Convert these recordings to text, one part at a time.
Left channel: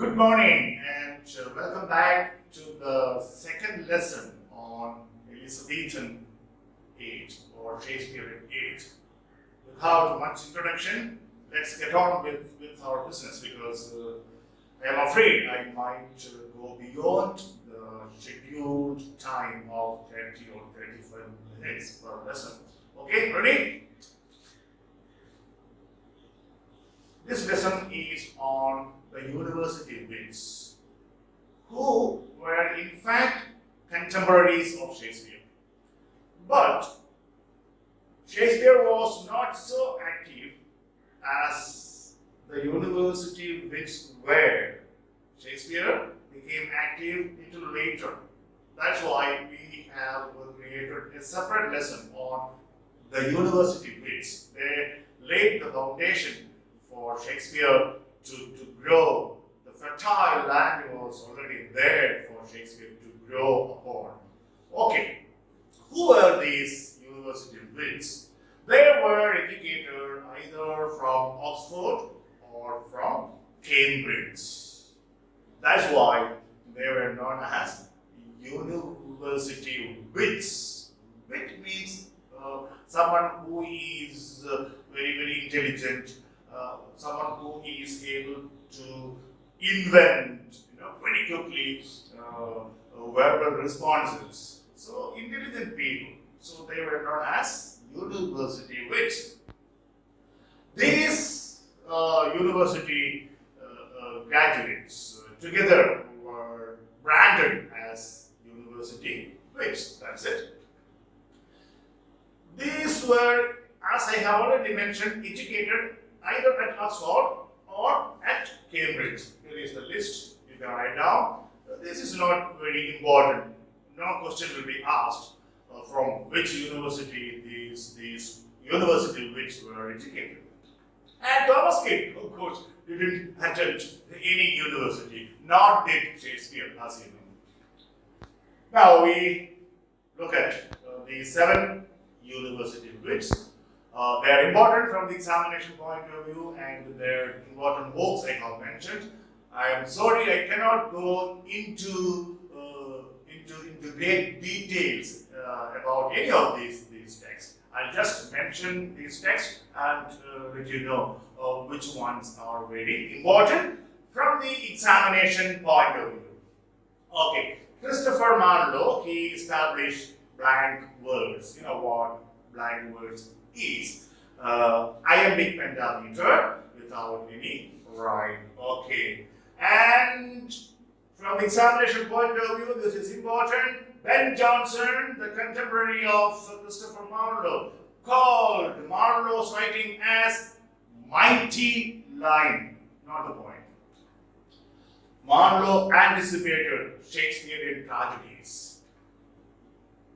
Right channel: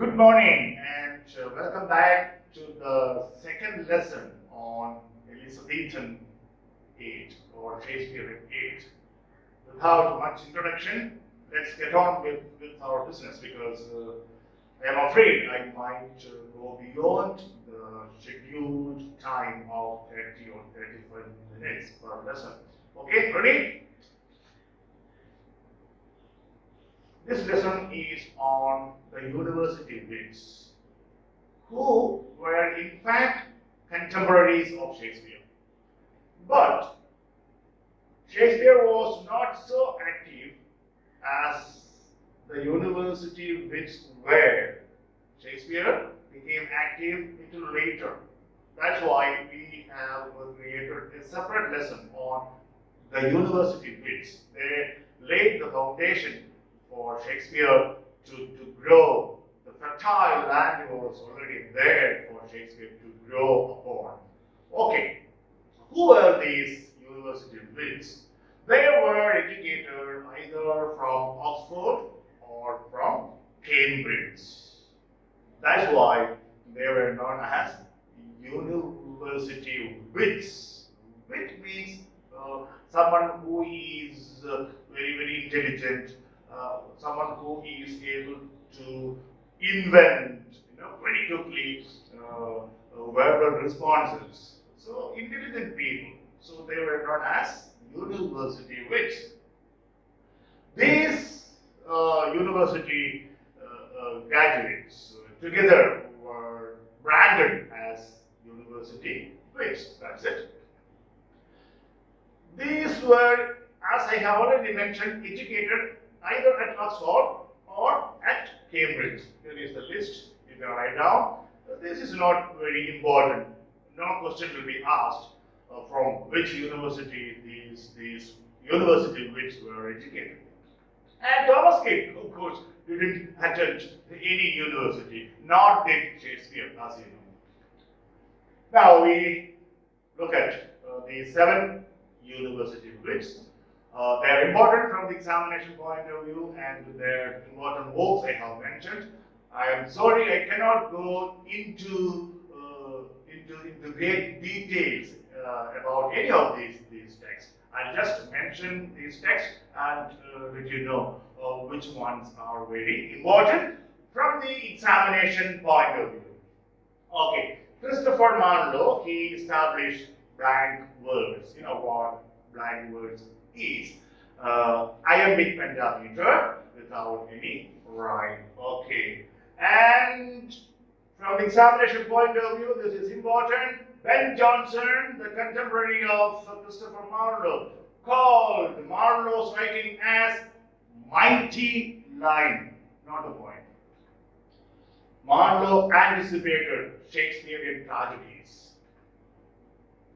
Good morning and welcome back to the second lesson on Elizabethan age or Shakespearean age. Without much introduction, let's get on with our business because I am afraid I might go beyond the scheduled time of 30 or 35 minutes per lesson. Okay, ready? This lesson is on the university wits, who were in fact contemporaries of Shakespeare. But Shakespeare was not so active as the university wits were. Shakespeare became active little later. That's why we have created a separate lesson on the university wits. They laid the foundation for Shakespeare to grow. The fertile land was already there for Shakespeare to grow upon. Okay, who were these university wits? They were educated either from Oxford or from Cambridge. That's why they were known as university wits. Wit means someone who is very intelligent, someone who is able to invent very quickly verbal responses. So intelligent people. So they were known as university wits. These university graduates together were branded as university wits. That's it. These were, as I have already mentioned, educated either at Oxford or at Cambridge. Here is the list. You can write down. This is not very important. No question will be asked from which university these university wits were educated. And Thomas King, of course, didn't attend any university, nor did Shakespeare, as you know. Now we look at the 7 university wits. They are important from the examination point of view, and their important works I have mentioned. I am sorry I cannot go into great details about any of these texts. I'll just mention these texts and let you know which ones are very important from the examination point of view. Okay, Christopher Marlowe, he established blank words. You know what blank words is? Iambic pentameter without any rhyme. Okay, and from the examination point of view, this is important. Ben Jonson, the contemporary of Christopher Marlowe, called Marlowe's writing as mighty line. Not the point. Marlowe anticipated Shakespearean tragedies.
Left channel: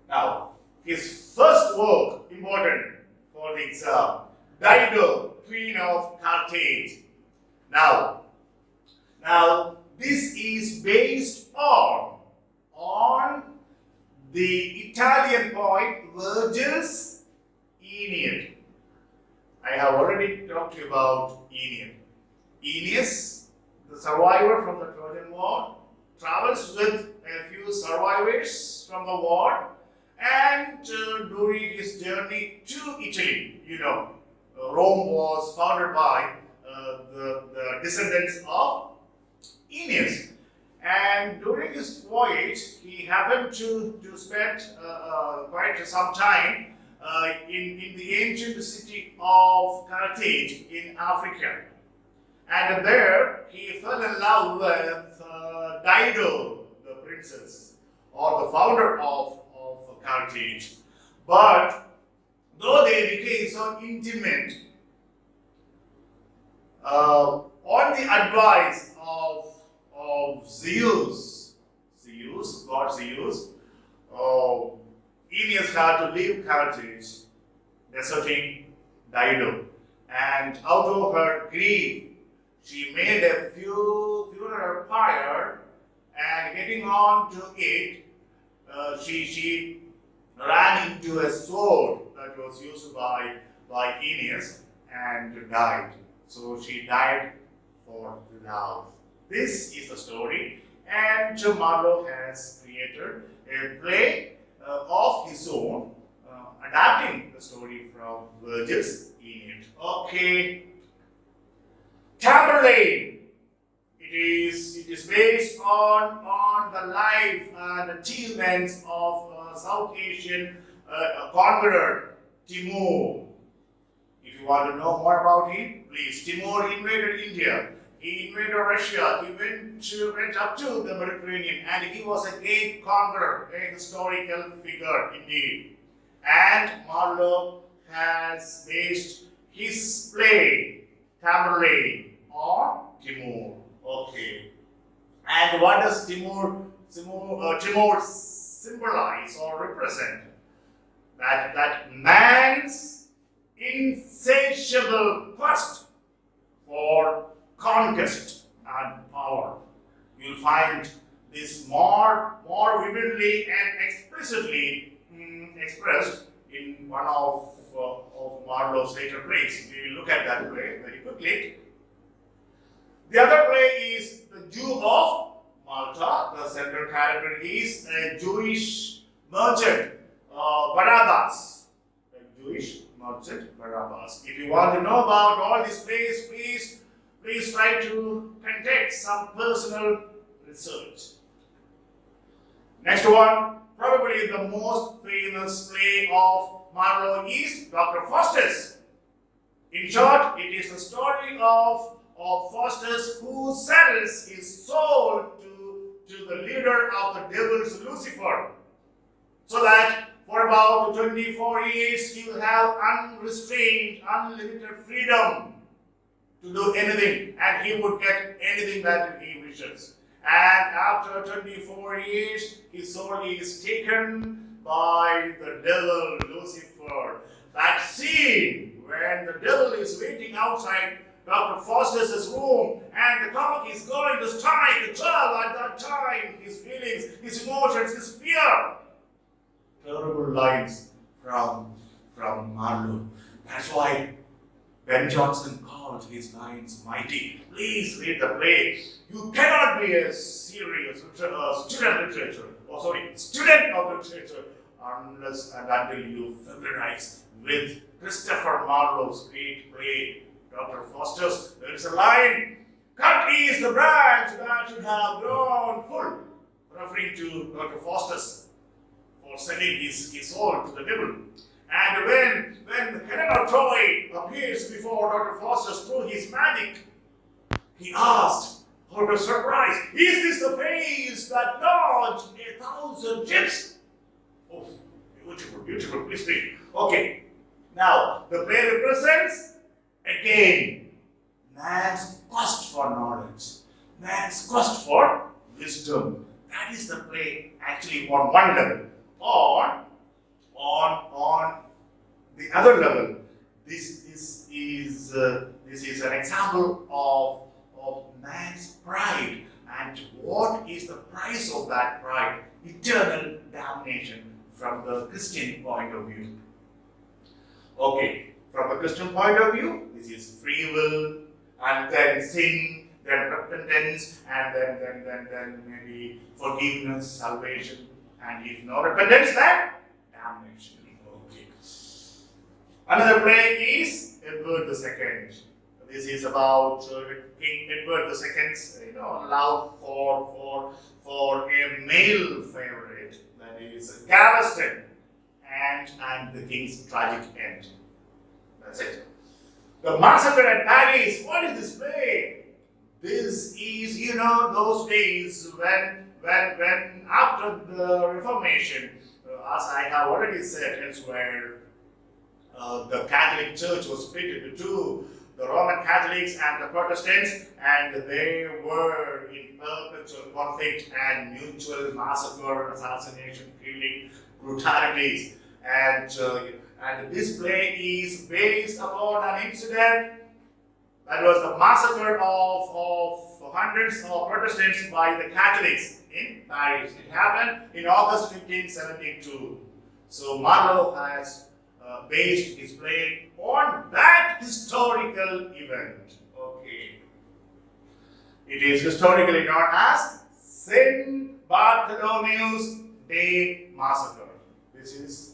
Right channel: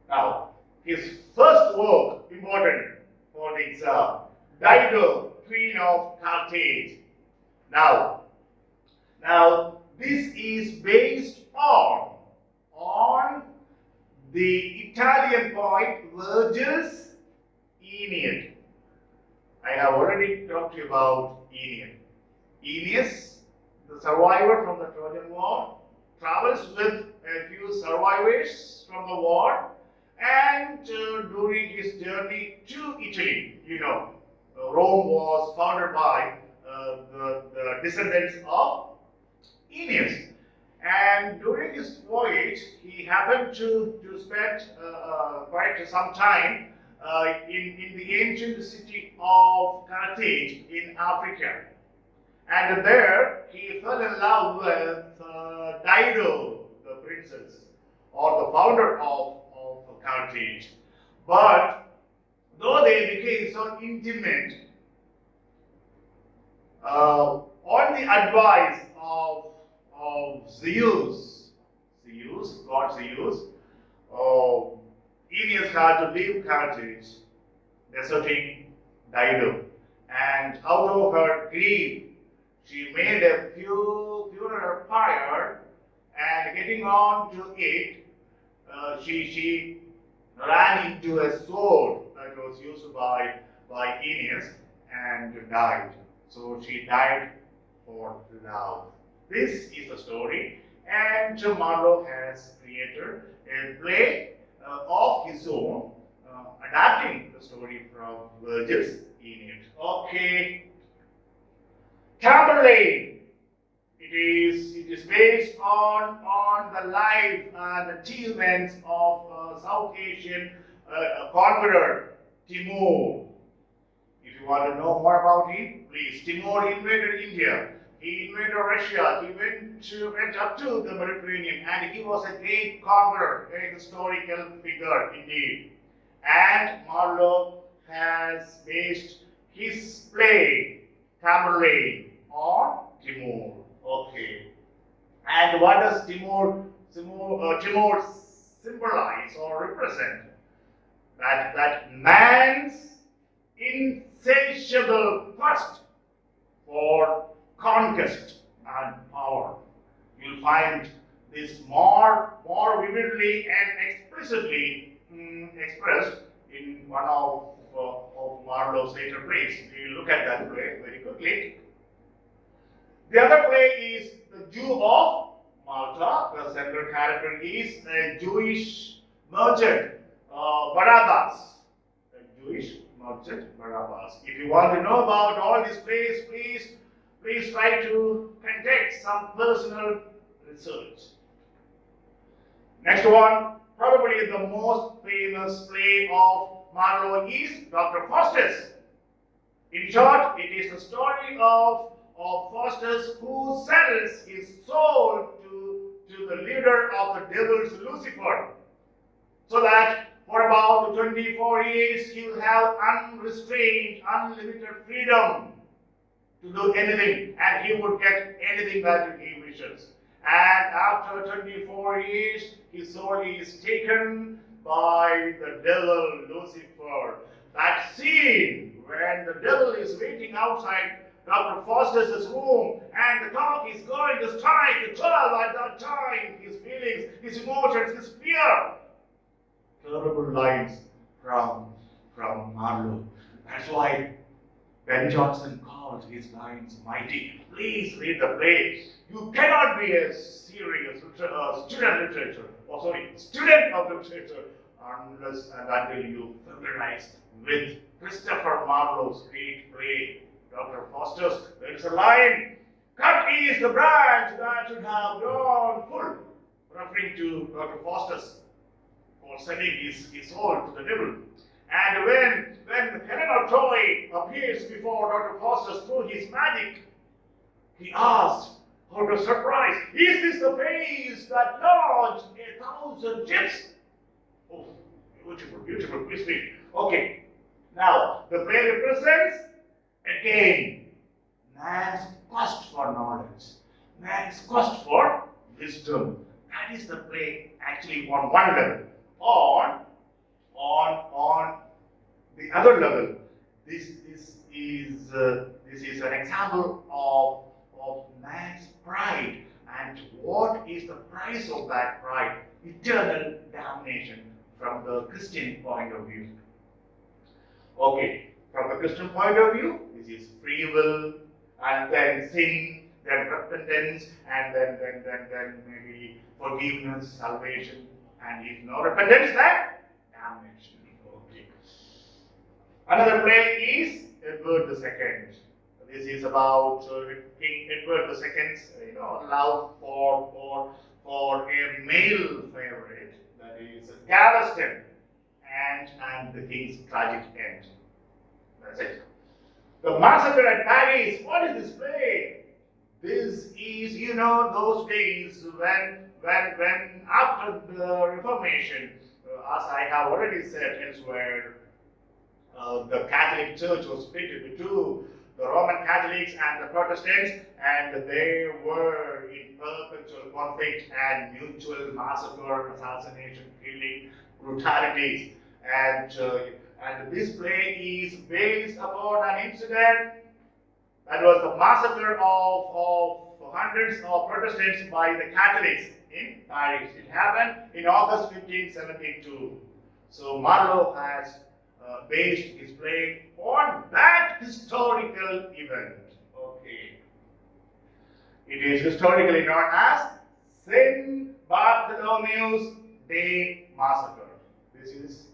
Now, his first work, important for the exam, Dido, Queen of Carthage. Now, this is based on the Italian poet Virgil's Aeneid. I have already talked to you about Aeneid. Aeneas, the survivor from the Trojan War, travels with a few survivors from the war, and during his journey to Italy, Rome was founded by the descendants of Aeneas. And during his voyage, he happened to spend quite some time in the ancient city of Carthage in Africa. And there, he fell in love with Dido, the princess, or the founder of Carthage. But though they became so intimate, on the advice of Zeus, God Zeus, Aeneas had to leave Carthage, deserting Dido. And out of her grief, she made a funeral pyre, and getting on to it, she ran into a sword that was used by Aeneas and died. So she died for love. This is the story, and Marlowe has created a play of his own, adapting the story from Virgil's Aeneid. Okay, Tamburlaine. It is based on the life and achievements of South Asian conqueror Timur. If you want to know more about him, please. Timur invaded India. He invaded Russia. He went up to the Mediterranean, and he was a great conqueror, a historical figure indeed. And Marlowe has based his play, Tamburlaine, on Timur. Okay. And what does Timur symbolize or represent? That man's insatiable quest for conquest and power. You'll find this more vividly and explicitly expressed in one of Marlowe's later plays. We will look at that play very quickly. The other play is The Jew of Malta. The central character is a Jewish merchant, Barabbas. A Jewish merchant, Barabbas. If you want to know about all these plays, please try to conduct some personal research. Next one, probably the most famous play of Marlowe is Dr. Faustus. In short, it is the story of Faustus, who sells his soul to the leader of the devils, Lucifer, so that for about 24 years he will have unrestrained, unlimited freedom to do anything, and he would get anything that he wishes. And after 24 years, his soul is taken by the devil, Lucifer. That scene when the devil is waiting outside Dr. Faustus' room, and the clock is going to strike 12 at that time. His feelings, his emotions, his fear. Terrible lines from Marlowe. That's why Ben Jonson called his lines mighty. Please read the play. You cannot be a serious student of literature unless and until you familiarize with Christopher Marlowe's great play, Dr. Faustus. There is a line, cut is the branch that should have grown full, referring to Dr. Faustus for selling his soul to the devil. And when Helena of Troy appears before Dr. Faustus through his magic, he asked, out of surprise, is this the face that lodged 1,000 chips? Oh, beautiful, beautiful. Please read. Okay, now the play represents again man's quest for knowledge, man's quest for wisdom. That is the play actually on one level. On the other level, this is an example of man's pride, and what is the price of that pride? Eternal damnation from the Christian point of view. Okay, from the Christian point of view, this is free will, and then sin, then repentance, and then maybe forgiveness, salvation, and if no repentance, then damnation. Okay. Another play is Edward II. This is about King Edward II's love for a male favorite, that is Galveston, and the king's tragic end. That's it. The Massacre at Paris. What is this play? This is, those days when after the Reformation, as I have already said elsewhere, the Catholic Church was split into two, the Roman Catholics and the Protestants, and they were in perpetual conflict and mutual massacre, assassination, killing, brutalities. And this play is based upon an incident that was the massacre of hundreds of Protestants by the Catholics in Paris. It happened in August 1572. So Marlowe has based his play on that historical event. Okay. It is historically known as Saint Bartholomew's Day Massacre. This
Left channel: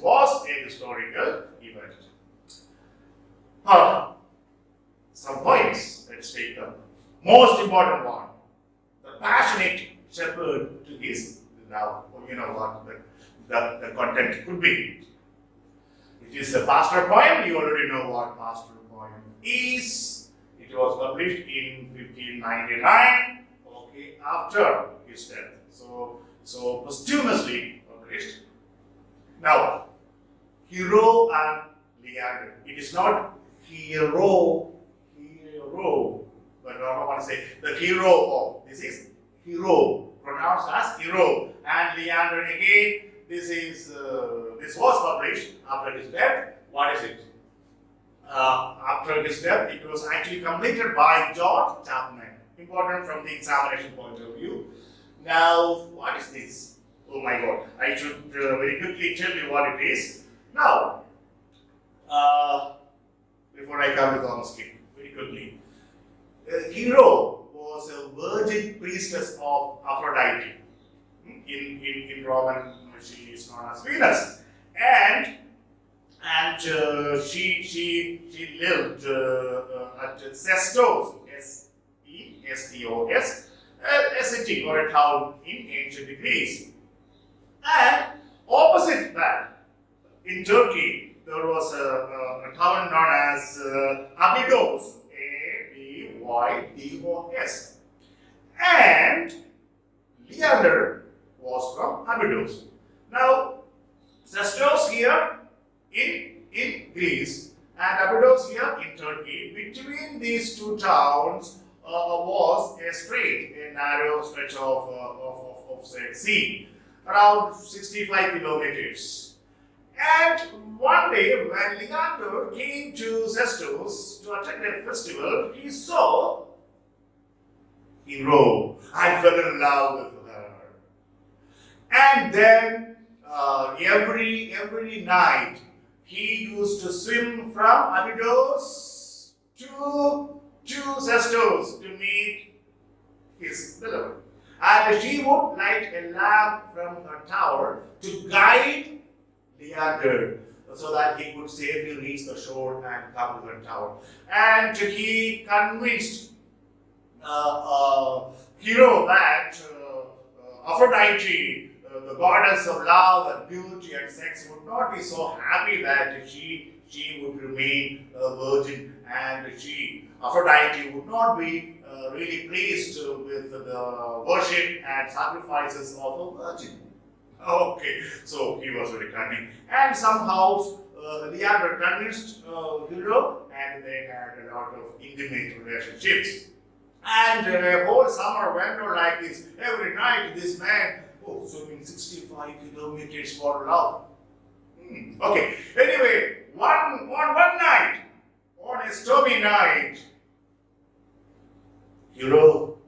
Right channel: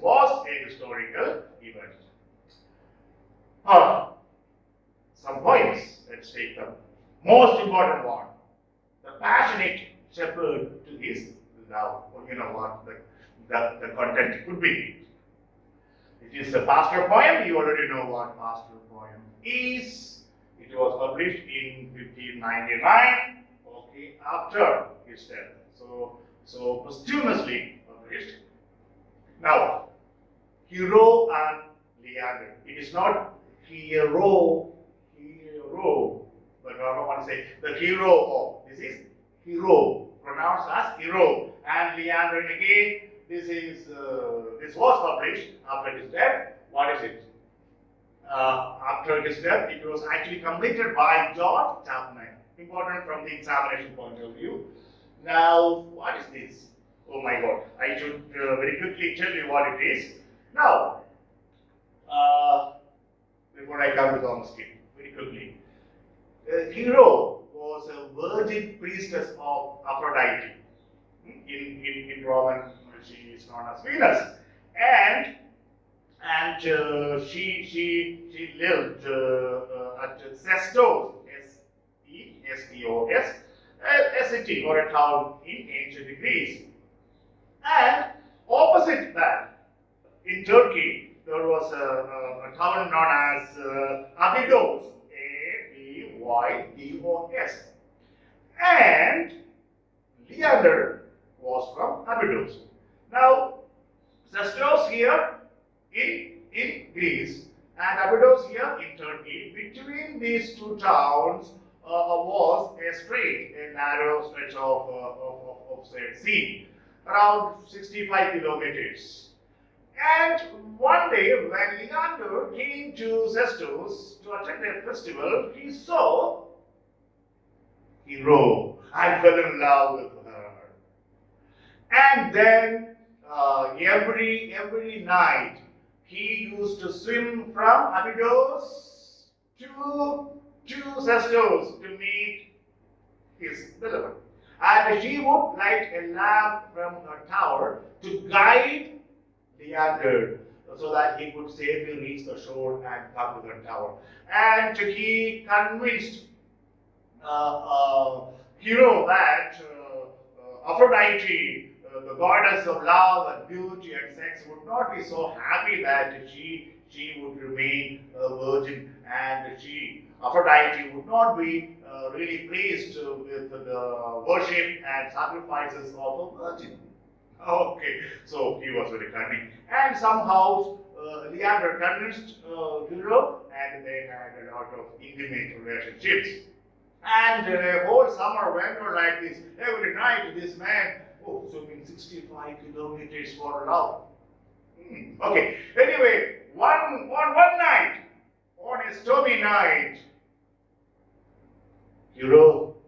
was a historical event. Some points. Let's take the most important one. The passionate shepherd to his love. You know what the content could be. It is a pastoral poem. You already know what pastoral poem is. It was published in 1599. Okay, after his death. So posthumously published. Now, hero and Leander. It is not hero, but I want to say the hero of. This is hero, pronounced as hero. And Leander again. This was published after his death. What is it? After his death, it was actually completed by George Chapman. Important from the examination point of view. Now, what is this? Oh my God! I should very quickly tell you what it is. Now, before I come to Thomas King, very quickly, Hero was a virgin priestess of Aphrodite. In Roman, she is known as Venus, and she lived at Sestos, Sestos, a city or a town in ancient Greece. And opposite that, in Turkey, there was a town known as Abydos, Abydos, and Leander was from Abydos. Now, Sestos here in Greece and Abydos here in Turkey, between these two towns was a strait, a narrow stretch of sea, around 65 kilometers. And one day, when Leander came to Sestos to attend a festival, he saw Hero and fell in love with her. And then every night he used to swim from Abydos to Sestos to meet his beloved. And she would light a lamp from her tower to guide Leander so that he could safely reach the shore and come to her tower. And he convinced Hero that Aphrodite, the goddess of love and beauty and sex, would not be so happy that she would remain a virgin, and Aphrodite would not be really pleased with the worship and sacrifices of a virgin. Okay, so he was very cunning, and somehow Leander convinced Hero, and they had a lot of intimate relationships. And the whole summer went on like this. Every night, this man, swimming 65 kilometers for love. Okay. Anyway, one night, on a stormy night, Hero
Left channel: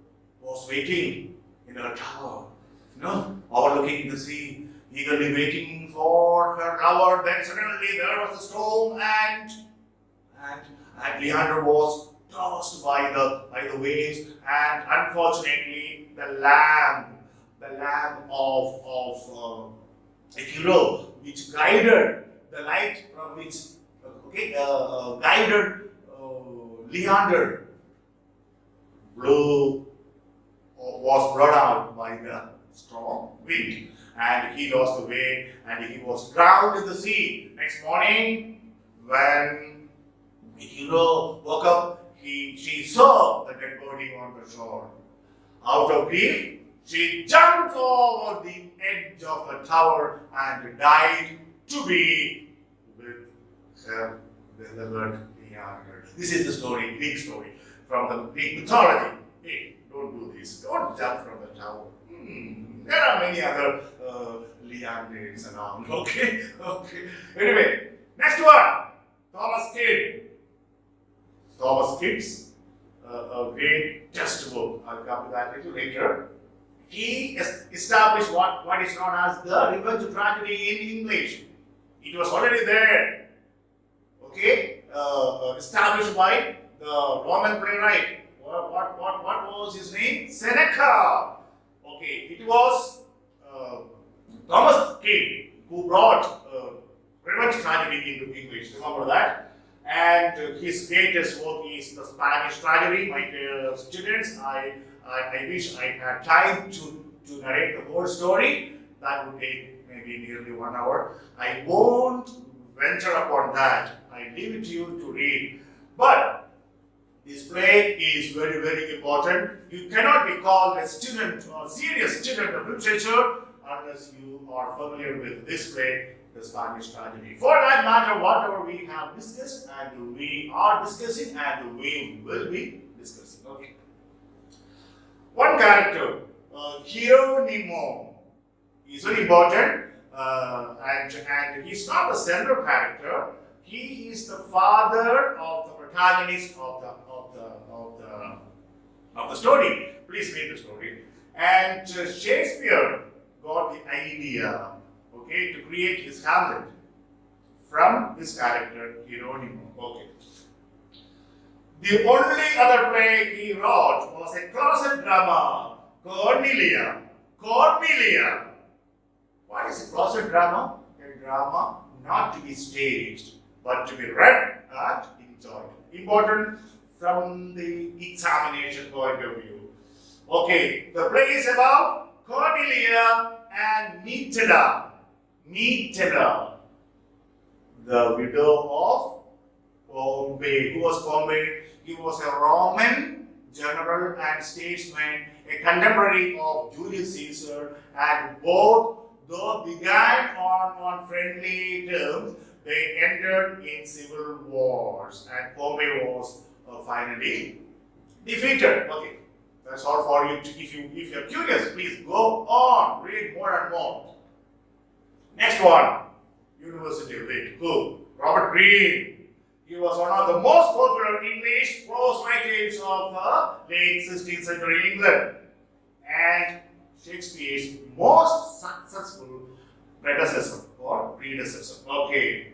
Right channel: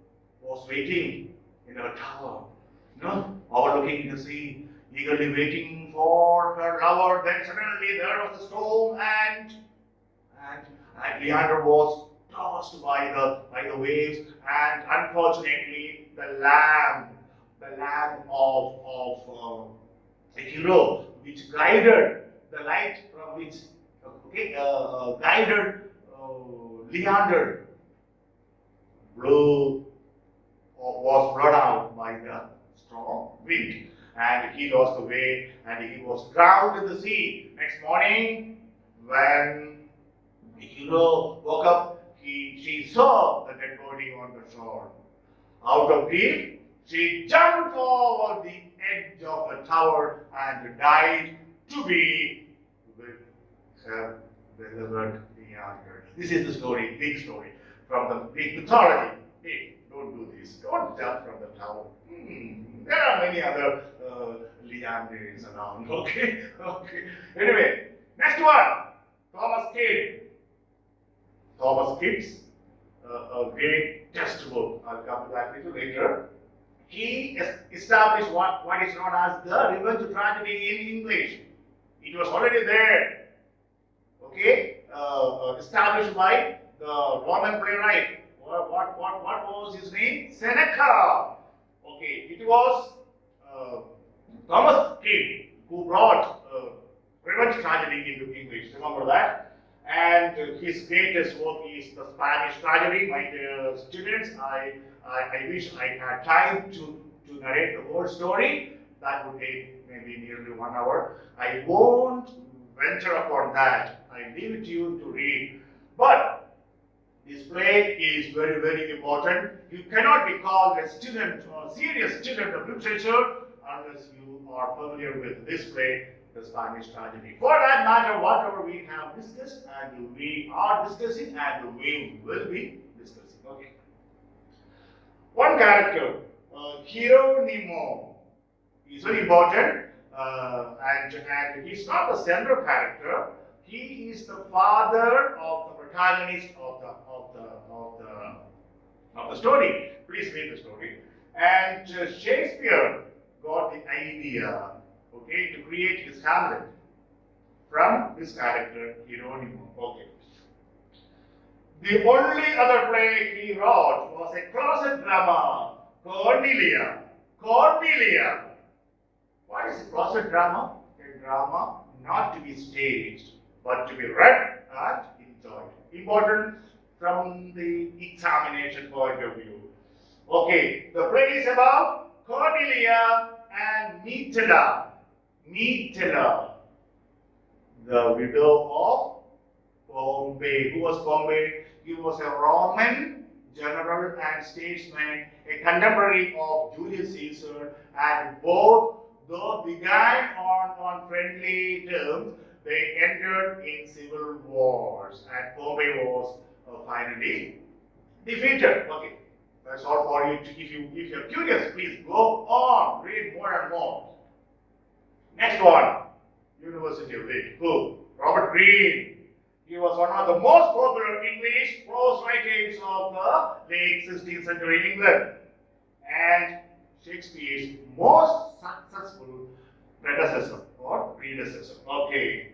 was waiting in her tower, overlooking the sea, eagerly waiting for her lover. Then suddenly there was a storm, and Leander was tossed by the waves, and unfortunately the lamp of Hero, which guided the light from which guided Leander, was brought out by the strong wind, and he lost the way, and he was drowned in the sea. Next morning, when Hero woke up, she saw the dead body on the shore. Out of grief, she jumped over the edge of the tower and died to be with her beloved Leander. This is the story, Greek story, from the Greek mythology. Hey, don't do this. Don't jump from the tower. There are many other Leanders around. Okay. Anyway, next one. Thomas Kidd. Thomas Kidd's a great textbook. I'll come to that a little later. He established what is known as the revenge tragedy in English. It was already there. Okay, established by the Roman playwright What was his name? Seneca. Okay, it was Thomas King who brought revenge tragedy into English. Remember that? And his greatest work is the Spanish tragedy. My dear students, I wish I had time to narrate the whole story. That would take maybe nearly 1 hour. I won't venture upon that. I leave it to you to read. But this play is very, very important. You cannot be called a student or serious student of literature unless you are familiar with this play, the Spanish tragedy. For that matter, whatever we have discussed and we are discussing and we will be discussing. Okay. One character, Hieronimo, is very important, and he's not the central character. He is the father of the protagonist of the story. Please read the story. And Shakespeare got the idea, okay, to create his Hamlet from this character, Hieronimo. Okay. The only other play he wrote was a closet drama, Cornelia. Cornelia. What is a closet drama? A drama not to be staged, but to be read and enjoyed. Important from the examination point of view. Okay, the play is about Cornelia and Metella. Metella, the widow of Pompey. Who was Pompey? He was a Roman general and statesman, a contemporary of Julius Caesar, and both, though began on friendly terms, they entered in civil wars, and Pompey was finally defeated. Okay, that's all for you. If you're curious, please go on, read more and more. Next one, University of Lit. Who? Robert Greene. He was one of the most popular English prose writers of the late 16th century England, and Shakespeare's most successful predecessor or predecessor. Okay.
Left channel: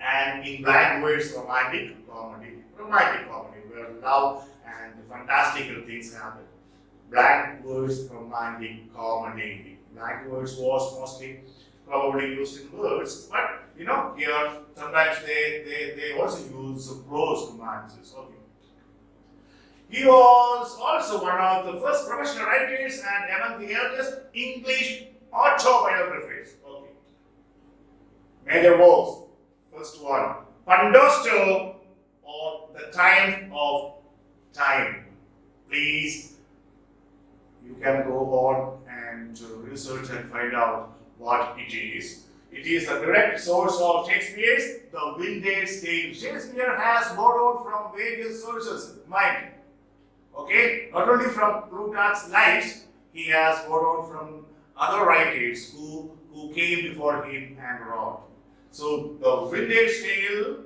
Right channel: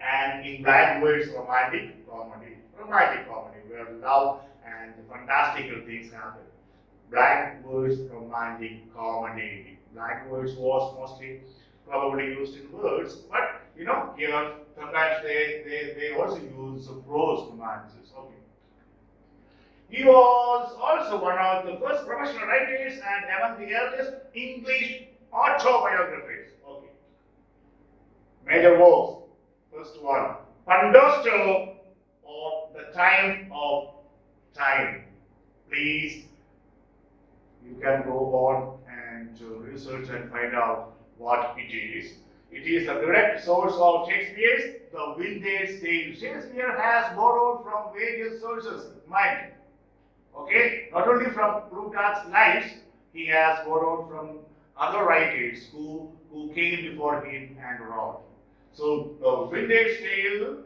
And in blank words, romantic comedy. Romantic comedy, where love and fantastical things happen. Blank words, romantic comedy. Blank words was mostly probably used in words, but here sometimes they also use prose romances. Okay. He was also one of the first professional writers and among the earliest English autobiographers. Okay. Major works. First one, Pandosto, or The Time of Time. Please, you can go on and research and find out what it is. It is the direct source of Shakespeare's The Winter's Tale. Shakespeare has borrowed from various sources, mind. Okay, not only from Plutarch's lives, he has borrowed from other writers who came before him and wrote. So the Winter's Tale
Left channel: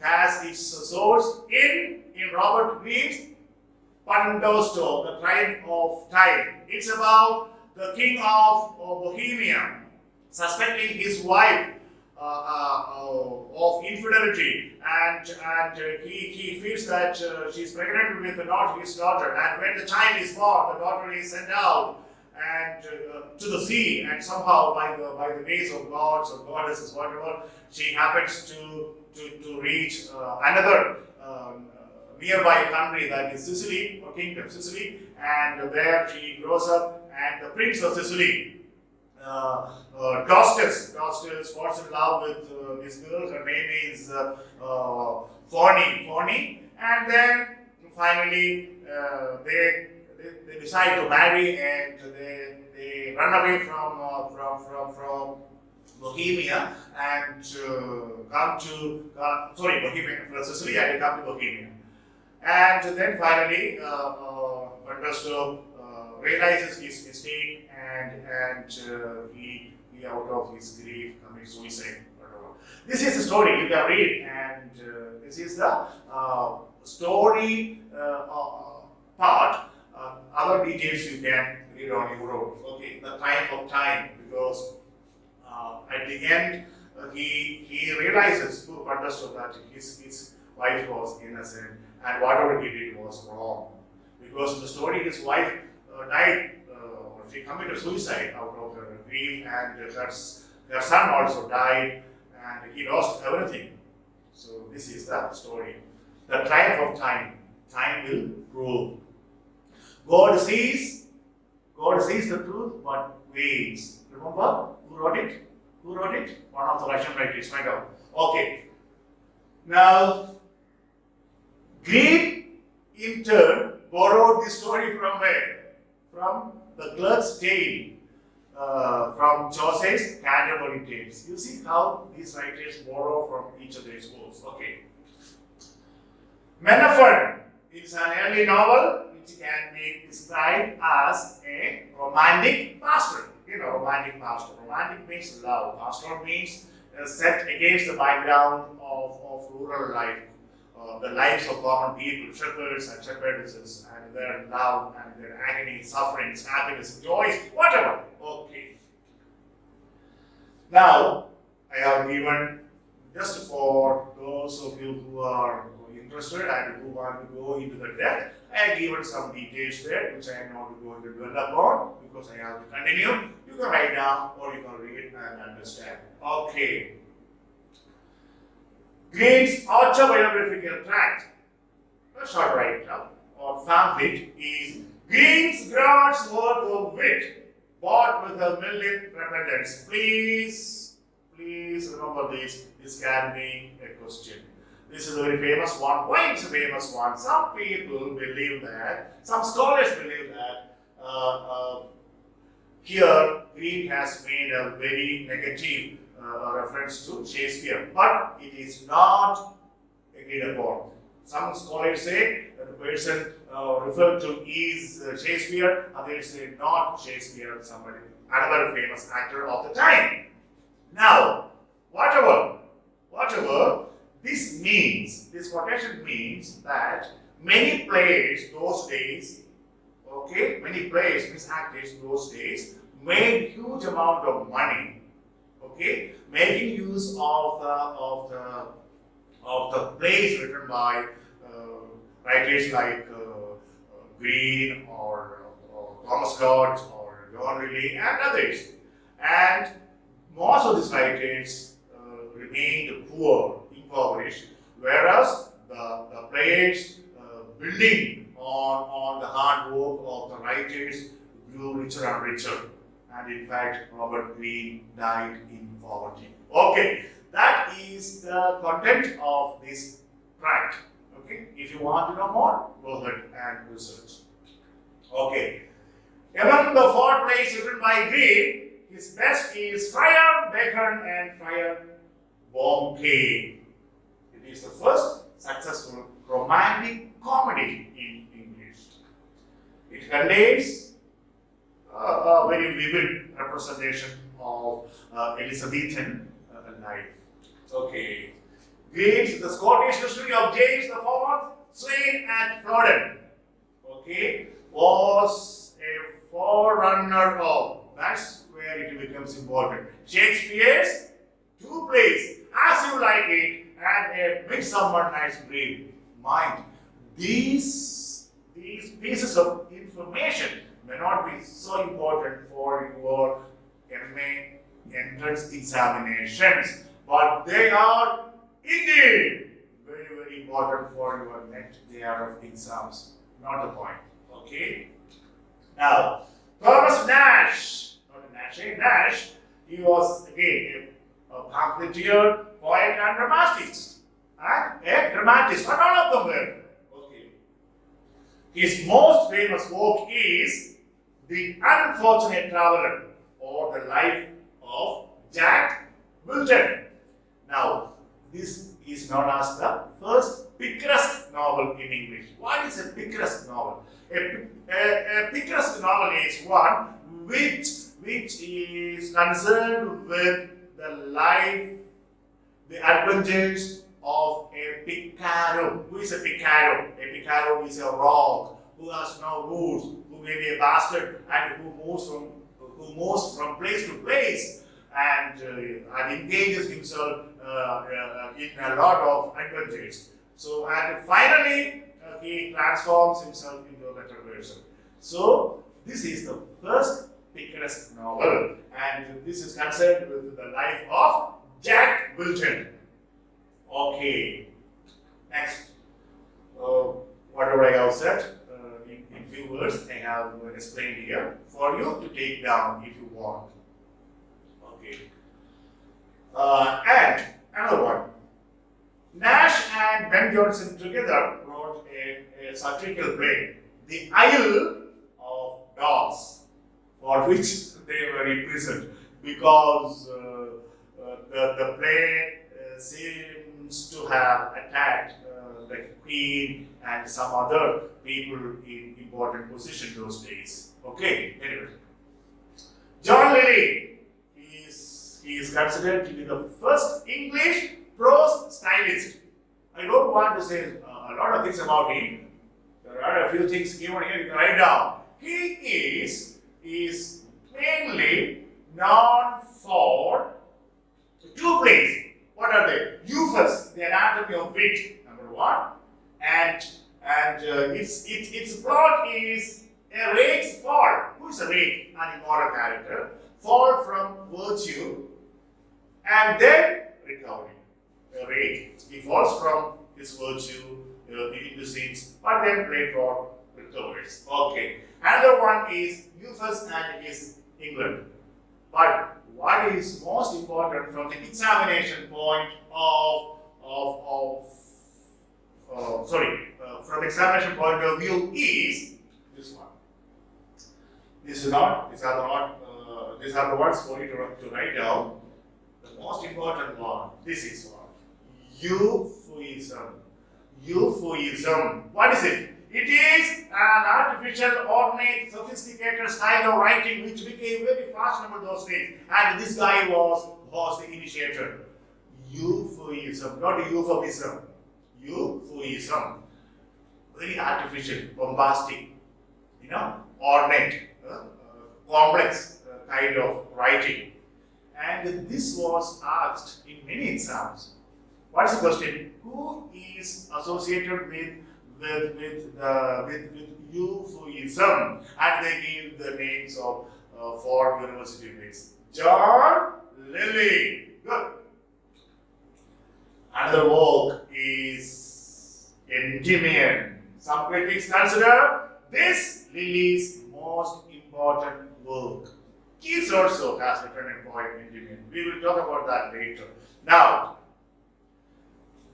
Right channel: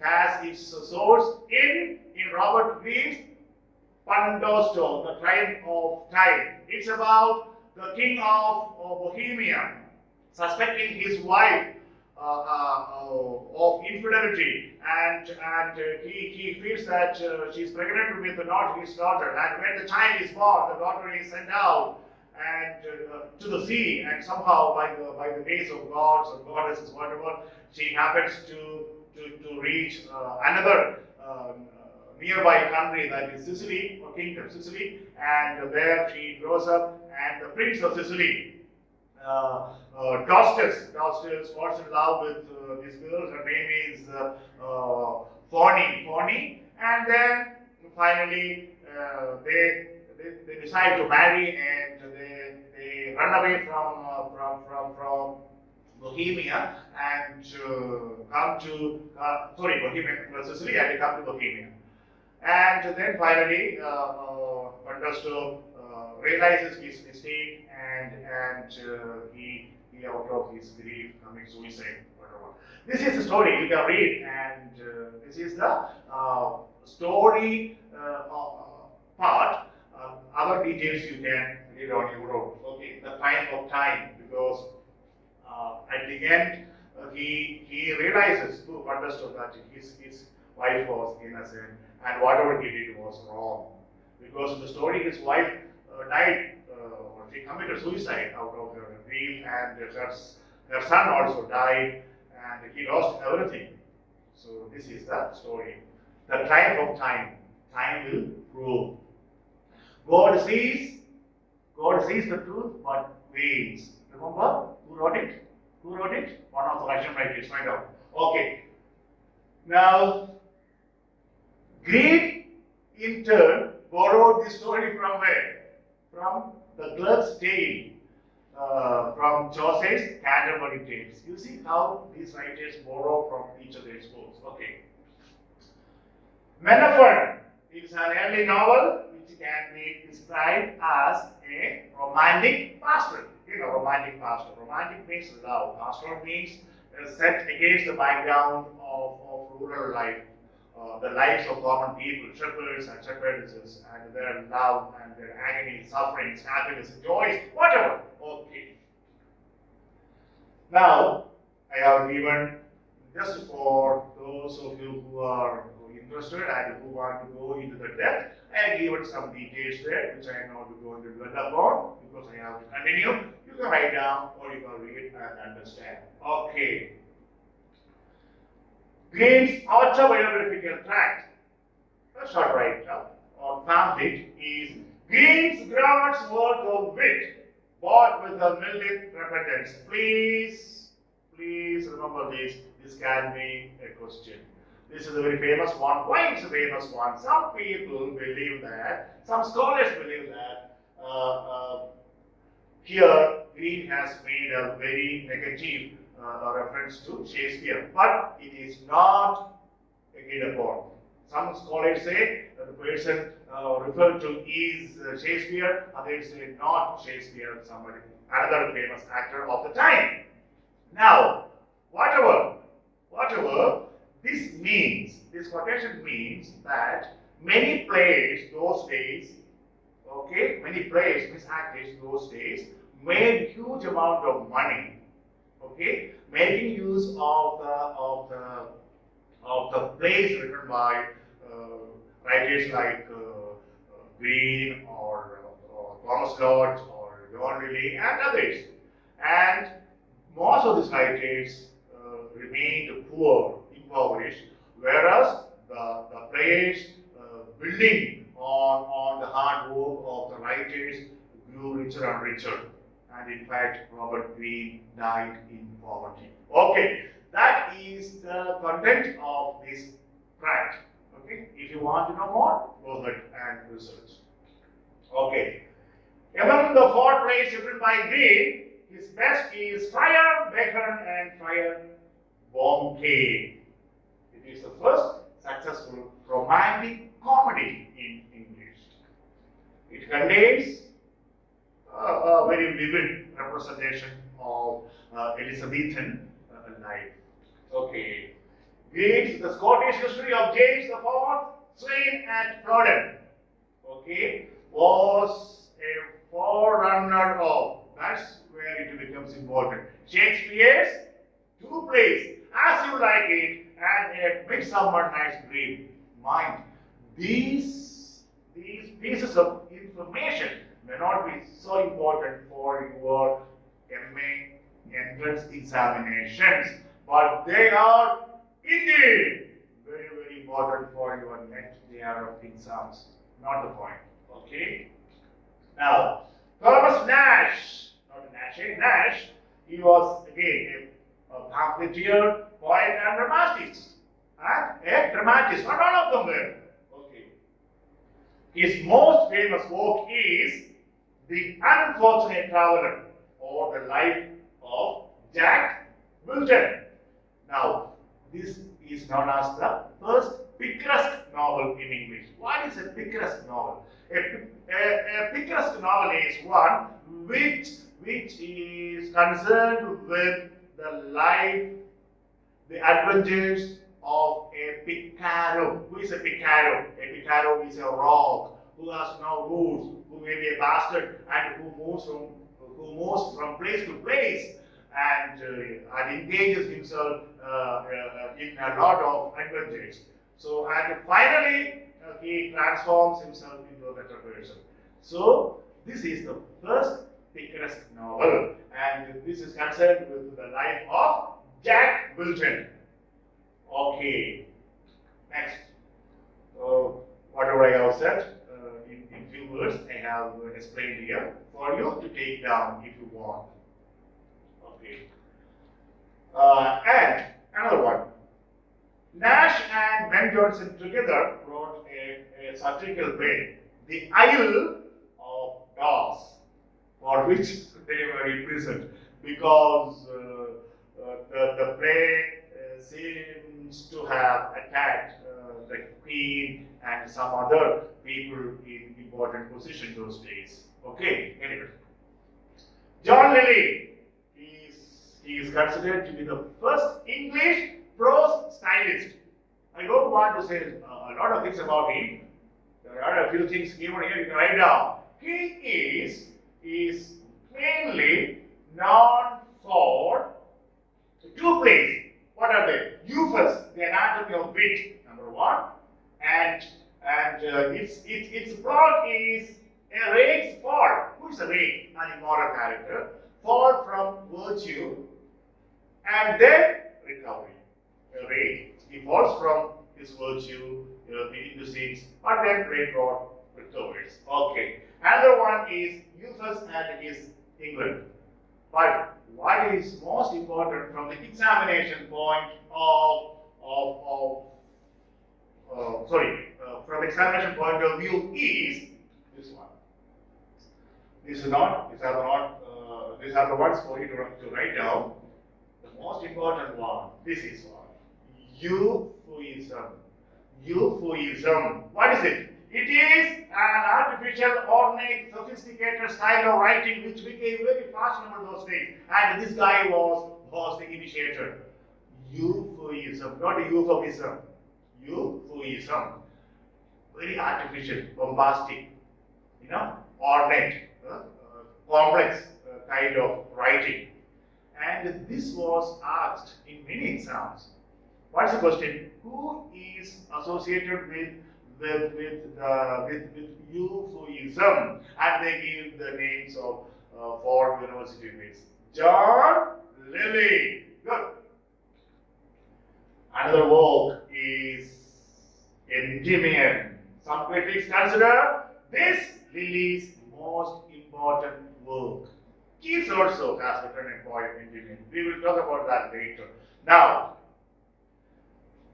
has its source in Robert Greene's Pandosto, The Time of Time. It's about the king of Bohemia suspecting his wife of infidelity, and he feels that she's pregnant with not his daughter, and when the child is born, the daughter is sent out and to the sea, and somehow by the grace of gods or goddesses, whatever, she happens to reach another nearby country, that is Sicily, or kingdom Sicily, and there she grows up, and the prince of Sicily, Dostus falls in love with this girl. Her name is Fawny, and then finally they decide to marry, and they run away from Bohemia and come to Bohemia, Sicily, and they come to Bohemia. And then finally, Pandosto realizes his mistake, and he out of his grief commits suicide, whatever. This is the story you can read, and this is the story part. Other details you can read on your own. Okay, the time of time, because at the end he realizes, Pandosto, that his wife was innocent, and whatever he did was wrong. Because in the story, his wife died, or she committed suicide out of her grief, and her son also died, and he lost everything. So this is the story. The triumph of time. Time will prove. God sees the truth, but waits. Remember who wrote it? Who wrote it? One of the Russian writers. Find out. Okay. Now, Green in turn borrowed this story from where? From the Clerk's Tale, from Chaucer's Canterbury Tales. You see how these writers borrow from each other's books. Okay. Men of Fun is an early novel which can be described as a romantic pastoral. You know, romantic pastoral. Romantic means love. Pastoral means set against the background of rural life. The lives of common people, shepherds and shepherdesses, and their love and their agony, sufferings, happiness, joys, whatever. Okay. Now, I have given, just for those of you who are interested and who want to go into the depth, I have given some details there, which I am not going to dwell upon because I have to continue. You can write down or you can read and understand. Okay. Green's autobiographical tract, a short write-up or pamphlet, is Green's ground's worth of wit, bought with a million repentance. Please remember this. This can be a question. This is a very famous one. Why it's a famous one? Some people believe that, some scholars believe that here Green has made a very negative reference to Shakespeare, but it is not agreed upon. Some scholars say that the person referred to is Shakespeare, others say not Shakespeare, somebody, another famous actor of the time. Now, whatever this means, this quotation means that many players those days, many players, means actors those days, made huge amount of money, making use of the plays written by writers like Green or Thomas Scott or John Riley and others. And most of these writers remained poor, impoverished, whereas the players building on the hard work of the writers grew richer and richer. And in fact, Robert Greene died in poverty. Okay, that is the content of this tract. Okay, if you want to know more, go ahead and research. Okay, among the 4 plays written by Greene, his best is Friar Bacon and Friar Bouquet. It is the first successful romantic comedy in English. It contains a very vivid representation of Elizabethan life. Okay. Green's The Scottish History of James IV, slain at Flodden, was a forerunner of, that's where it becomes important, Shakespeare's 2 plays, As You Like It and A Midsummer Night's Dream. Mind, these pieces of information may not be so important for your MA entrance examinations, but they are indeed very, very important for your next year of exams. Not the point. Okay? Now, Thomas Nash, Nash, he was again a pamphleteer, poet, and dramatist. Not all of them were. Okay. His most famous work is The Unfortunate Traveler, or The Life of Jack Wilton. Now, this is known as the first picaresque novel in English. What is a picaresque novel? A picaresque novel is one which is concerned with the life, the adventures of a picaro. Who is a picaro? A picaro is a rogue who has no roots, who may be a bastard, and who moves from place to place and engages himself in a lot of adventures. So, and finally, he transforms himself into a better person. So, this is the first picturesque novel, and this is concerned with the life of Jack Wilton. Okay, next. Whatever I have said in few words, I have explained here for you to take down if you want. Okay. And another one. Nash and Ben Jonson together wrote a satirical play, The Isle of Dogs, for which they were imprisoned because the play seems to have attacked the Queen and some other people in important position those days. Okay, anyway. John Lilly is considered to be the first English prose stylist. I don't want to say a lot of things about him. There are a few things given here you can write down. He is mainly known for two plays. What are they? Euphus, the Anatomy of Wit, number one, and its plot is a rake's fall. Who is a rake? An immoral character. Fall from virtue and then recovery. A rake, he falls from his virtue into sins, but then later on recovers. Okay. Another one is Euphus and his England. But what is most important from the examination point from the examination point of view is this one. These are the ones for you to write down. The most important one, this is one. Euphuism. Euphuism. What is it? It is an artificial, ornate, sophisticated style of writing which became very fashionable those days. And this guy was the initiator. Euphuism, not a euphemism. Euphuism. Very artificial, bombastic, ornate, complex kind of writing. And this was asked in many exams. What's the question? Who is associated with Euphuism? And they give the names of 4 university mates. John Lilly. Good. Another work is Endymion. Some critics consider this Lilly's most important work. Keats also has written a poem, Endymion. We will talk about that later. Now,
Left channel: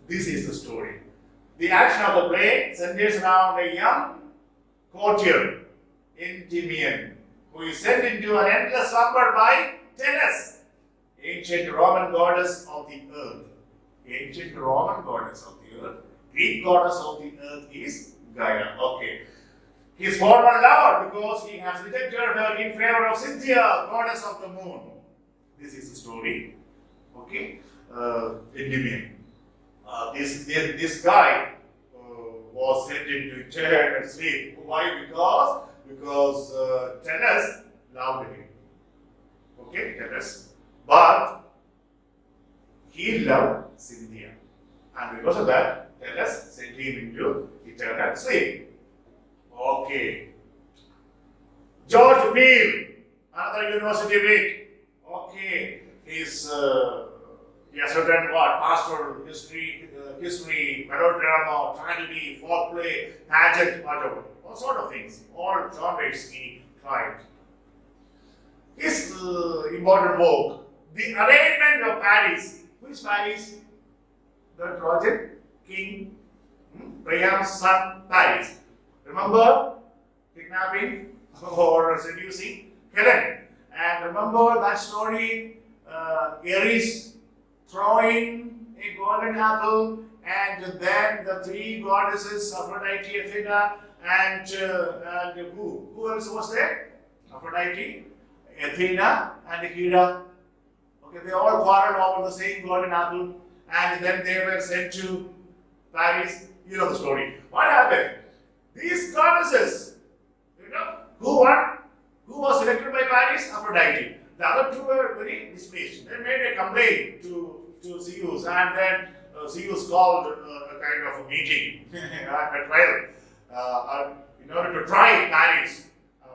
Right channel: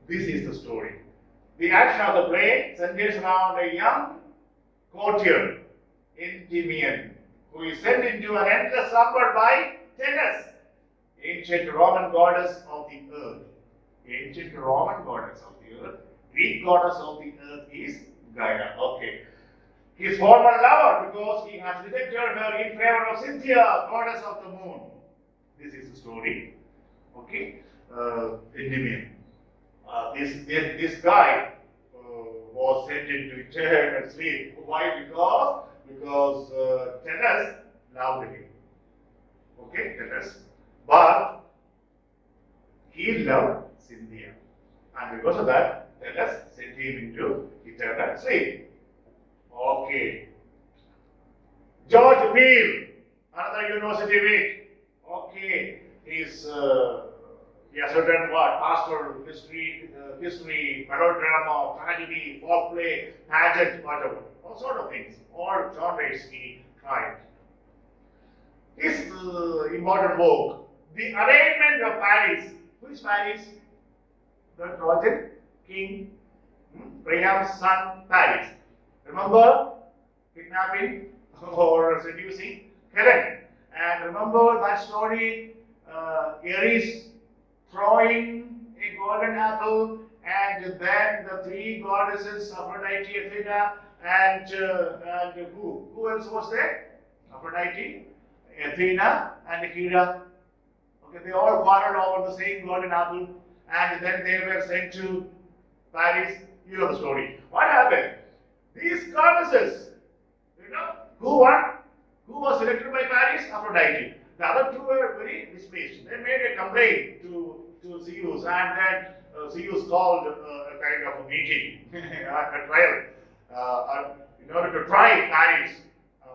this is the story. The action of the play centers around a young courtier, Endymion, who is sent into an endless slumber by Tennis, ancient Roman goddess of the earth. Ancient Roman goddess of the earth. Greek goddess of the earth is Gaia. Okay. His former lover, because he has rejected her in favor of Cynthia, goddess of the moon. This is the story. Okay. Endymion. This guy was sent into eternal sleep. Why? Because Tennis loved him. Okay, Tennis. But he loved Cynthia. And because of that, Tennis sent him into eternal sleep. Okay. George Beale, another university wit. Okay. He has written what? Pastoral history, melodrama, tragedy, folkplay, pageant, whatever. All sort of things. All genres he tried. His important work, The Arraignment of Paris. Who is Paris? The Trojan king, Priam's son, Paris. Remember kidnapping or seducing Helen. And remember that story, Ares throwing a golden apple, and then the 3 goddesses, Aphrodite, Athena, and who else was there? Aphrodite, Athena, and Hera. Okay, they all quarreled over the same golden apple, and then they were sent to Paris. You know the story. What happened? These goddesses, who won? Who was selected by Paris? Aphrodite. The other 2 were very displeased. They made a complaint to to Zeus, and then Zeus called a kind of a meeting, a trial, in order to try Paris.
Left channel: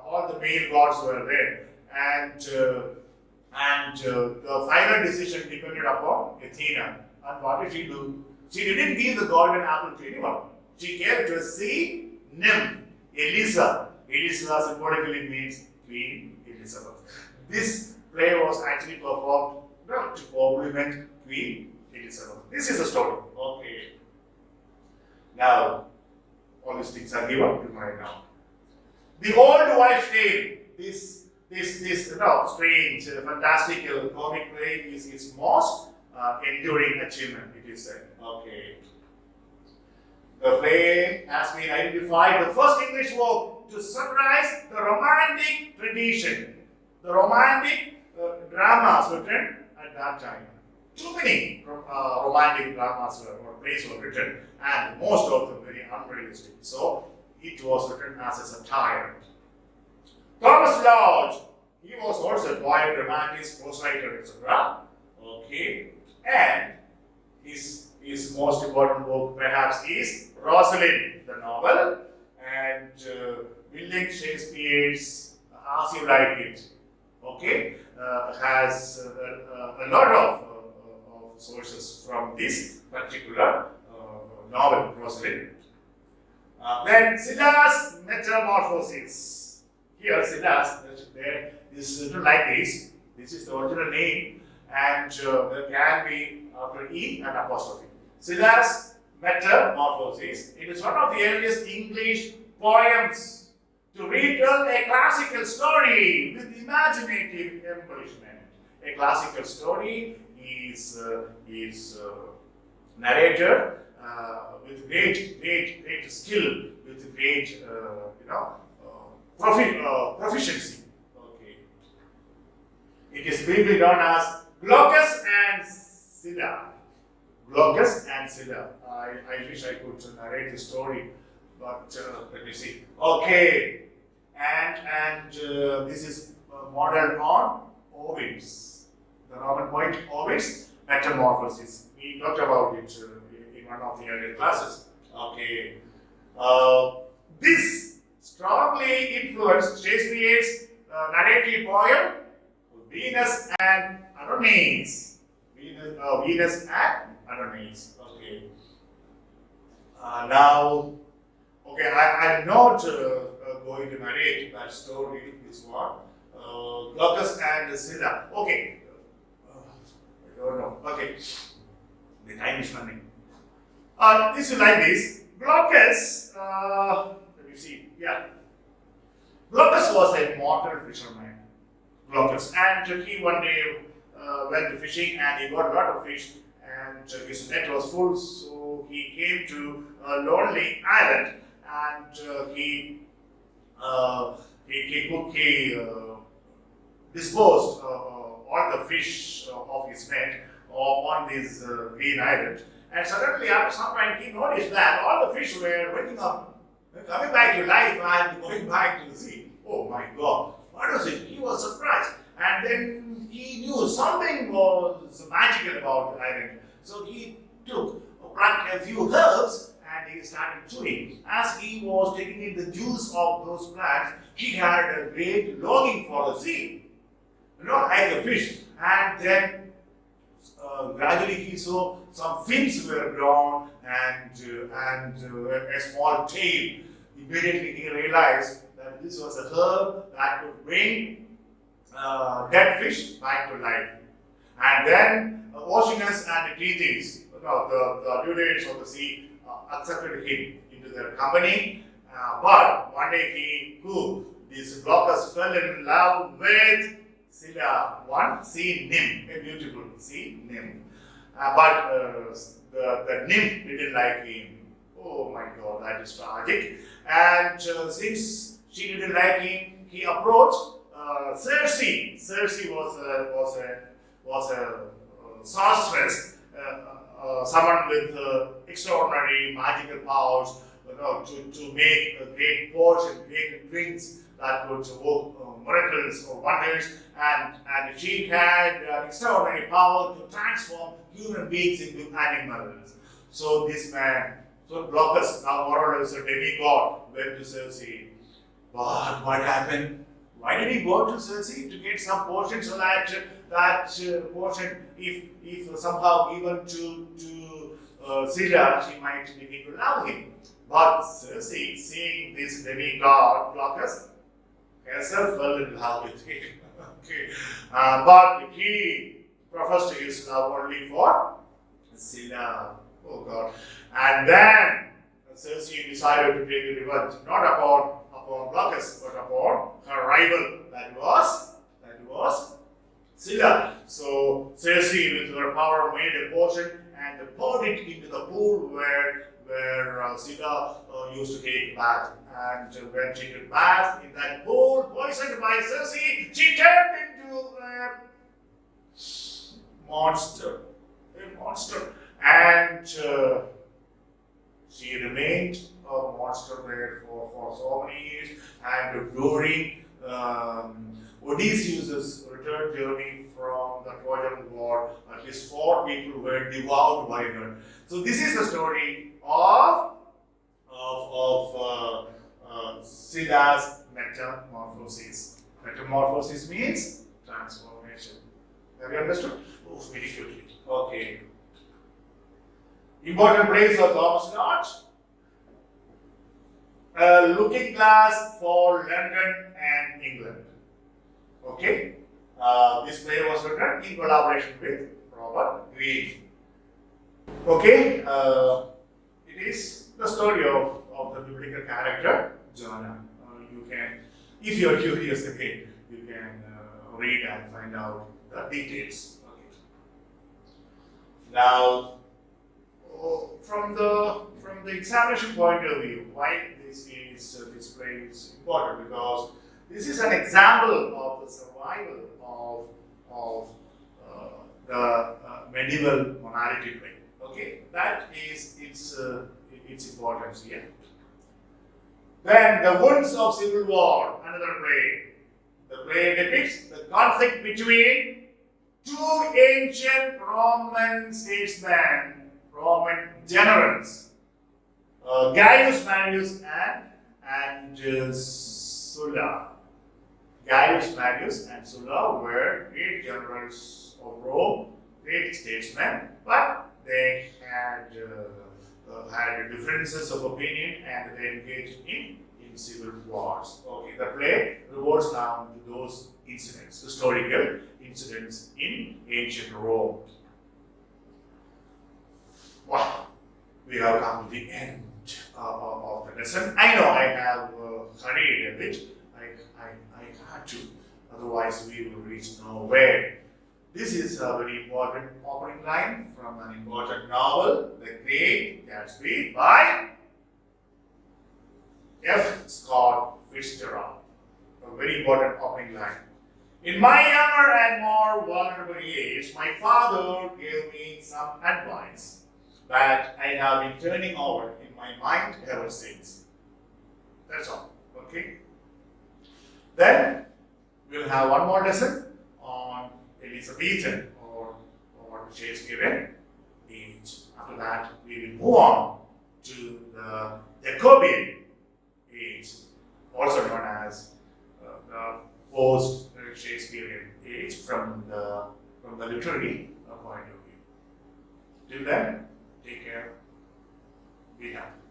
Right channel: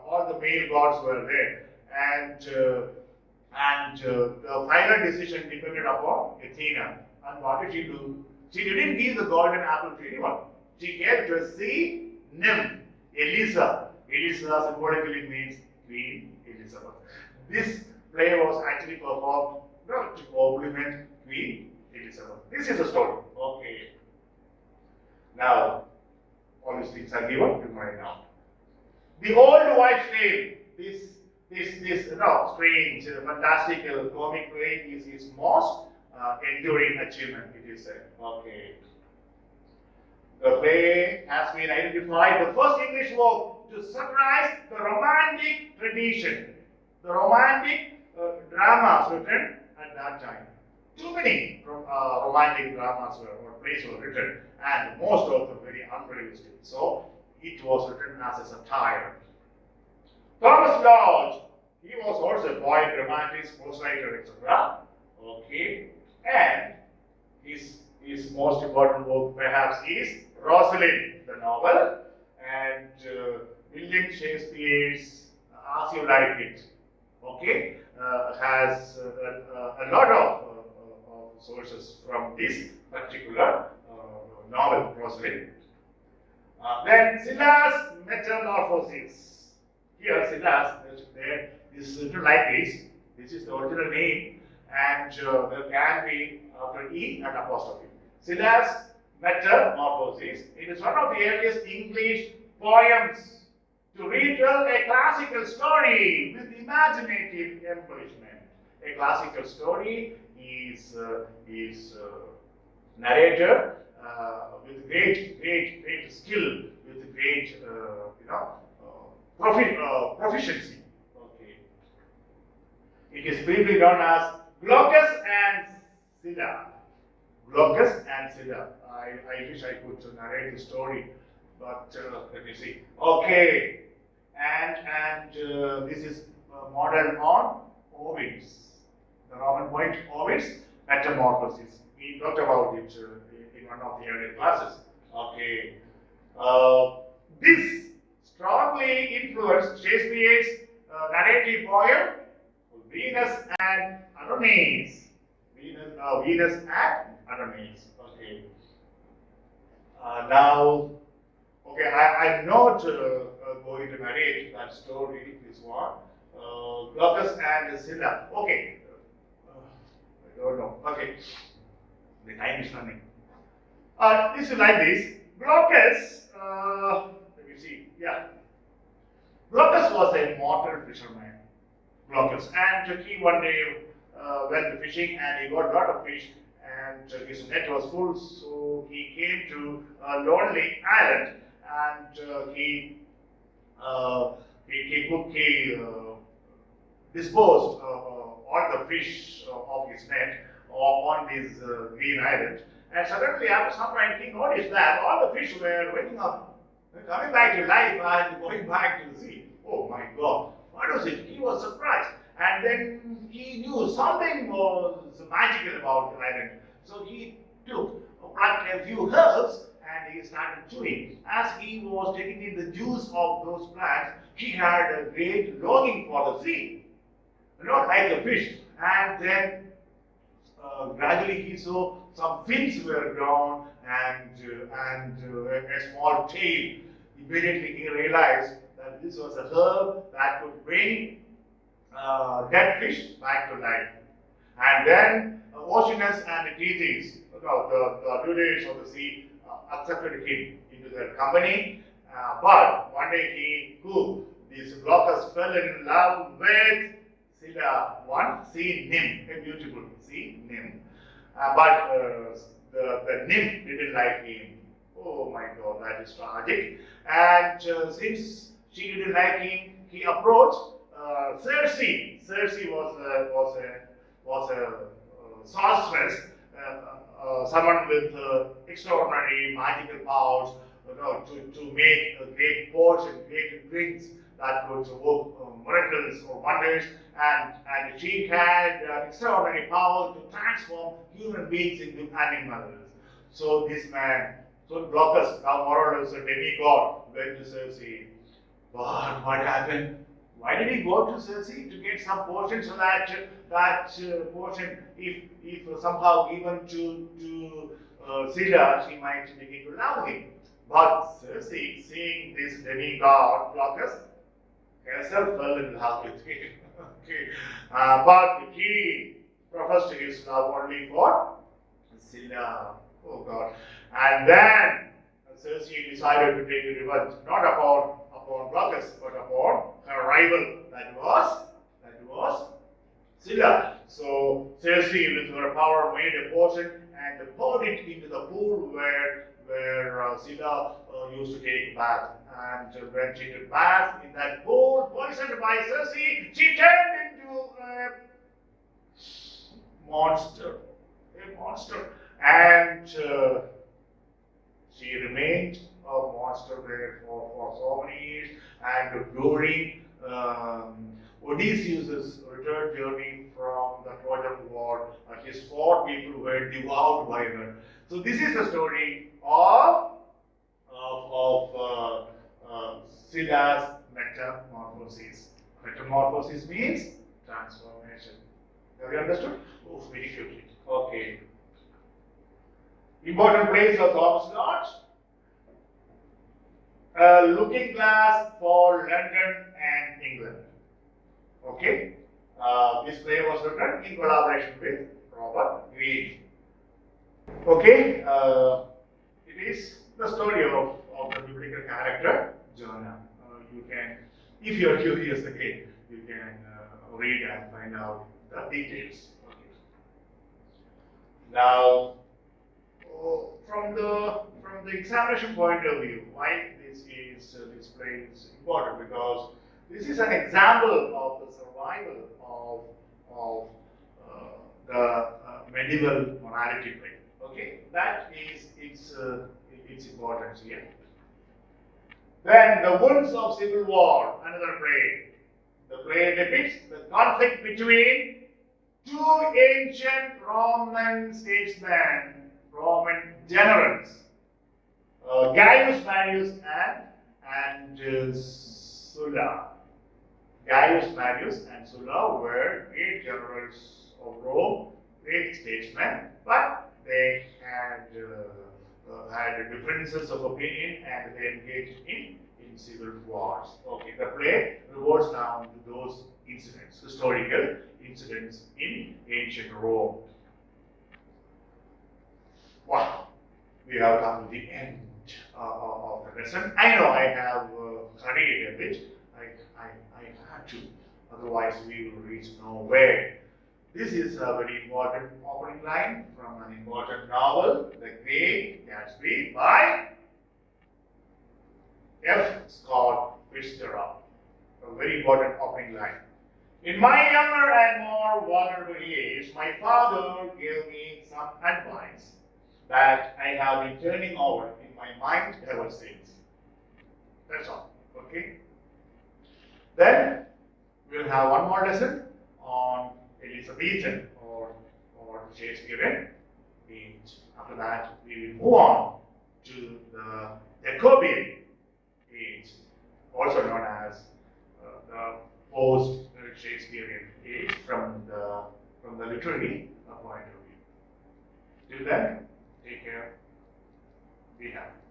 All the male gods were there, and the final decision depended upon Athena. And what did she do? She didn't give the golden apple to anyone. She gave to a sea nymph, Elisa. Elisa symbolically means Queen Elizabeth. This play was actually performed to compliment Queen Elizabeth. This is the story. Okay. Now, all these things are given in my now. The old wife's tale. This strange, fantastical comic play is his most enduring achievement, it is said. Okay. The play has been identified the first English work to summarize the romantic tradition, the romantic dramas written at that time. Too many romantic dramas or plays were written, and most of them very unrealistic. So it was written as a satire. Thomas Lodge, he was also a poet, dramatist, prose-writer, etc. Okay, and his most important work perhaps is Rosalind, the novel, and William Shakespeare's As You Like It. Okay, has a lot of sources from this particular novel, Rosalind. Then Scylla's Metamorphosis. Here, Scylla's, there is written like this. This is the original name, and there can be after E an apostrophe. Scylla's Metamorphosis. It is one of the earliest English poems to retell a classical story with imaginative embellishment. A classical story is narrated with great skill, with great proficiency. Okay. It is briefly known as Glaucus and Scylla. Glaucus and Scylla. I wish I could narrate the story, but let me see. Okay, and this is modeled on Ovid's, the Roman poet Ovid's Metamorphosis. We talked about it in one of the earlier classes. Okay, this strongly influenced Shakespeare's narrative poem Venus and Adonis. Venus and Adonis. Okay. Now, okay, I'm not going to narrate that story. This one, Glaucus and Scylla. Okay. I don't know. Okay. The time is running. This is like this. Glaucus. Let me see. Yeah. Glaucus was a mortal fisherman. Glaucus, and he one day went fishing, and he got a lot of fish, and his net was full. So he came to a lonely island, and he disposed all the fish of his net on this green island. And suddenly, after some time, he noticed that all the fish were waking up, coming back to life, and going back to the sea. Oh my God! What was it? He was surprised, and then he knew something was magical about the island. So he plucked a few herbs and he started chewing. As he was taking in the juice of those plants, he had a great longing for the sea, like a fish. And then gradually he saw some fins were grown and a small tail. Immediately he realized that this was a herb that could bring dead fish back to life. And then Oceanus and Thetis, the Laureates of the sea, accepted him into their company. But one day this Glaucus fell in love with Scylla, one sea nymph, a beautiful sea nymph. But the nymph didn't like him. Oh my God, that is tragic. And since she didn't like him, he approached Circe. Circe was a sorceress, someone with extraordinary magical powers, to make a great potion, great drinks that could work miracles or wonders, and she had extraordinary power to transform human beings into animals. So this man, so Glaucus, now more or less a demigod, went to Circe. But what happened? Why did he go to Circe? To get some portion, so that portion, if somehow given to Scylla, she might begin to love him. But Circe, seeing this demigod Glaucus, herself fell in love with him. Okay. But he professed his love only for Scylla. Oh God. And then Circe decided to take revenge, not upon Glaucus, but upon her rival, that was Scylla. So Circe, with her power, made a potion and poured it into the pool where Scylla used to take bath. And when she took bath in that pool, poisoned by Circe, she turned into a monster. And she remained a monster there for so many years. And during Odysseus' return journey from the Trojan War, at least 4 people were devoured by her. So this is the story of Scylla's metamorphosis. Metamorphosis means transformation. Have you understood? Oh, very quickly. Okay. Important place of Thomas Lodge. A looking glass for London and England. Okay. This play was written in collaboration with Robert Greene. Okay. It is the story of the biblical character Jonah. You can, if you are curious again, you can read and find out the details. Okay. Now, from the examination point of view, why this play is important, because this is an example of the survival of the medieval morality play. Okay, that is its importance here. Then the wounds of civil war, another play. The play depicts the conflict between 2 ancient Roman statesmen, Roman generals, Gaius Marius and Sulla. Gaius Marius and Sulla were great generals of Rome, great statesmen, but they had differences of opinion and they engaged in civil wars. Okay, the play revolves around those incidents, historical incidents in ancient Rome. Wow, we have come to the end of the lesson. I know I have hurried a bit. I had to, otherwise we will reach nowhere. This is a very important opening line from an important novel, The Great Gatsby, by F. Scott Fitzgerald. A very important opening line. In my younger and more vulnerable years, my father gave me some advice that I have been turning over in my mind ever since. That's all. Okay? Then we'll have one more lesson on Elizabethan or Shakespearean age. After that, we will move on to the Jacobean age, also known as the post-Shakespearean age from the literary point of view. Till then, take care, be happy.